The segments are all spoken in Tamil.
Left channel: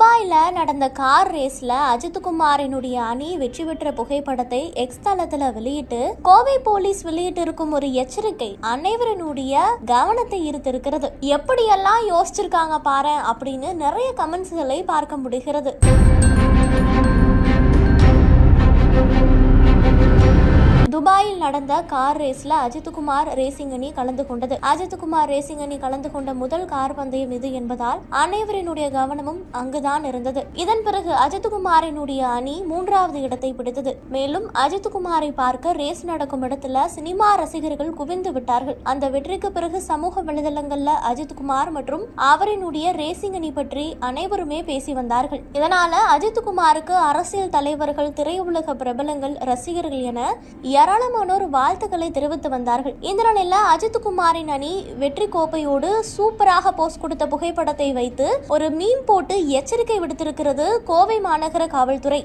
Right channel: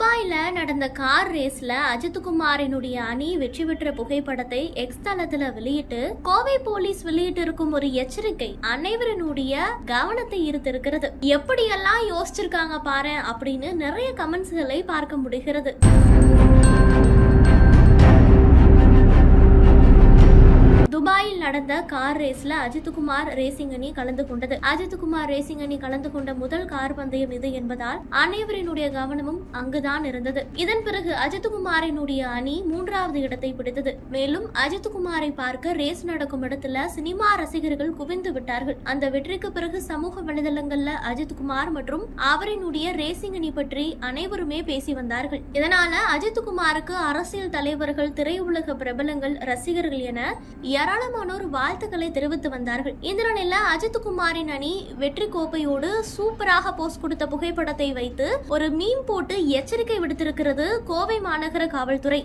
துபாயில் நடந்த கார் ரேஸில் அஜித் குமாரினுடைய அணி வெற்றி பெற்ற புகைப்படத்தை எக்ஸ் தளத்தில் வெளியிட்டு கோவை போலீஸ் வெளியிட்டு இருக்கும் ஒரு எச்சரிக்கை அனைவரினுடைய கவனத்தை ஈர்த்திருக்கிறது. எப்படியெல்லாம் யோசிச்சிருக்காங்க பாரு அப்படின்னு நிறைய கமெண்ட்ஸ்களை பார்க்க முடிகிறது. நடந்த கார் ரேஸ்ல அஜித்குமார் ரேசிங் அணி கலந்து கொண்டது. அஜித்குமார் ரேசிங் அணி கலந்து கொண்ட முதல் கார் பந்தயம் இது என்பதால் அனைவரினுடைய கவனமும் அங்குதான் இருந்தது. இதன் பிறகு அஜித்குமாரினுடைய அணி மூன்றாவது இடத்தை பிடித்தது. மேலும் அஜித்குமாரை பார்க்க ரேஸ் நடக்கும் இடத்துல சினிமா ரசிகர்கள் குவிந்து விட்டார்கள். அந்த வெற்றிக்கு பிறகு சமூக வலைதளங்கள்ல அஜித்குமார் மற்றும் அவரினுடைய ரேசிங் அணி பற்றி அனைவருமே பேசி வந்தார்கள். இதனால அஜித்குமாருக்கு அரசியல் தலைவர்கள் திரையுலக பிரபலங்கள் ரசிகர்கள் என ஏராளமானோர் வாழ்த்துக்களை தெரிவித்து வந்தார்கள். இந்த நிலையில அஜித்குமாரின் அணி வெற்றி கோப்பையோடு சூப்பராக போஸ்ட் கொடுத்த புகைப்படத்தை வைத்து ஒரு மீன் போட்டு எச்சரிக்கை விடுத்திருக்கிறது கோவை மாநகர காவல்துறை.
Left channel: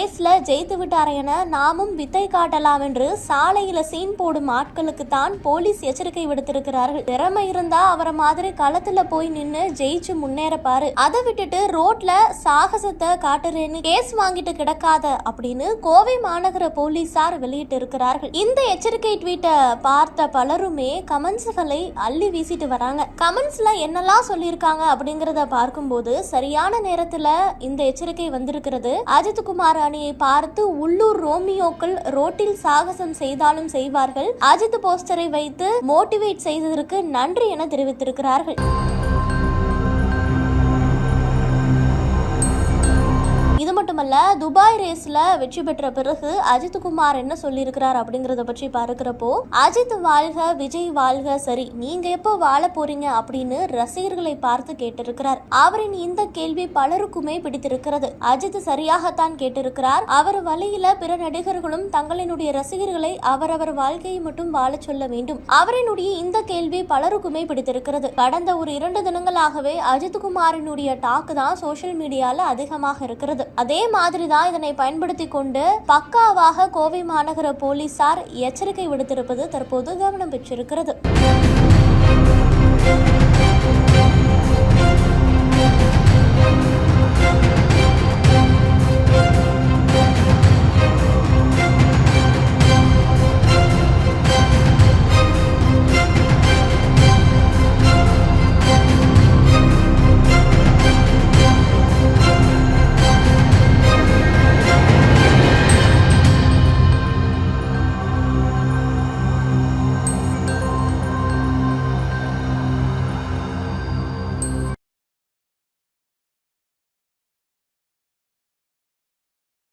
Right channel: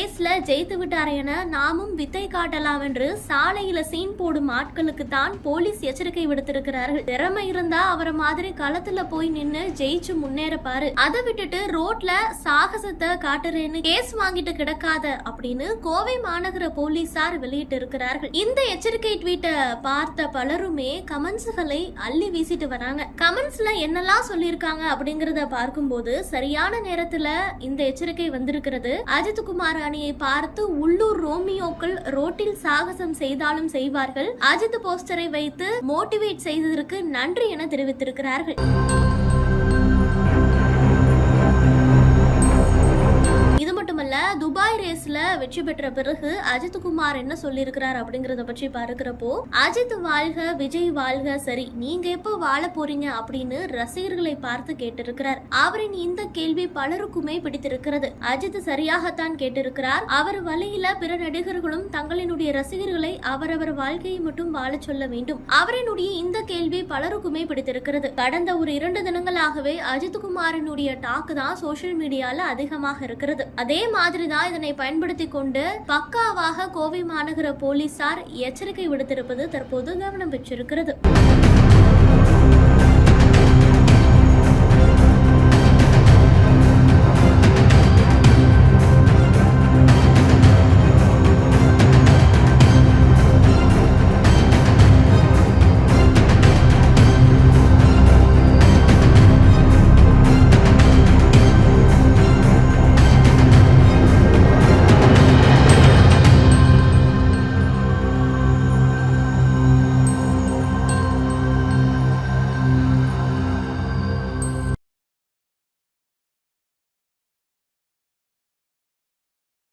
ரேஸ்ல ஜெயித்து விட்டார் என நாமும் வித்தை காட்டலாம் என்று சாலையில சீன் போடும் ஆட்களுக்கு தான் போலீஸ் எச்சரிக்கை விடுத்திருக்கிறார்கள். திறமை இருந்தா அவரை மாதிரி களத்துல போய் நின்னு ஜெயிச்சு முன்னேறப்பாரு. அதை விட்டுட்டு ரோட்ல சாகசத்தை காட்டுறேன்னு கேஸ் வாங்கிட்டு கிடக்காத அப்படின்னு கோவை மாநகர போலீசார் வெளியிட்டு இருக்கிறார்கள் இந்த எச்சரிக்கை ட்வீட்டை பார்த்த பலருமே கமெண்ட்ஸ்களை அள்ளி வீசிட்டு வராங்க. கமெண்ட்ஸ்ல என்னெல்லாம் சொல்லியிருக்காங்க அப்படிங்கறத பார்க்கும்போது சரியான நேரத்துல இந்த எச்சரிக்கை வந்திருக்கிறது. அஜித் குமார் அணியை பார்த்து உள்ளூர் ரோமியோக்கள் ரோட்டில் சாகசம் செய்தாலும் செய்வார்கள். அஜித் போஸ்டரை வைத்து மோட்டிவேட் செய்ததற்கு நன்றி என தெரிவித்திருக்கிறார்கள். இது துபாய் ரேஸில் வெற்றி பெற்ற பிறகு அஜித் குமார் என்ன சொல்லியிருக்கிறார் அப்படிங்கிறத பற்றி பார்க்கிறப்போ அஜித் வாழ்க விஜய் வாழ்க சரி நீங்க எப்போ வாழ போறீங்க? அப்படின்னு ரசிகர்களை பார்த்து கேட்டிருக்கிறார். அவரின் இந்த கேள்வி பலருக்குமே பிடித்திருக்கிறது. அஜித் சரியாகத்தான் கேட்டிருக்கிறார். அவர் வழியில பிற நடிகர்களும் தங்களினுடைய ரசிகர்களை அவரவர் வாழ்க்கையை மட்டும் வாழச் சொல்ல வேண்டும். அவரினுடைய இந்த கேள்வி பலருக்குமே பிடித்திருக்கிறது. கடந்த ஒரு இரண்டு தினங்களாகவே அஜித் குமாரினுடைய டாக் தான் சோஷியல் மீடியால அதிகமாக இருக்கிறது. அதே மாதிரி மாதிரி தான் இதனை பயன்படுத்தி கொண்டு பக்காவாக கோவை மாநகர போலீசார் எச்சரிக்கை விடுத்திருப்பது தற்போது கவனம் பெற்றிருக்கிறது.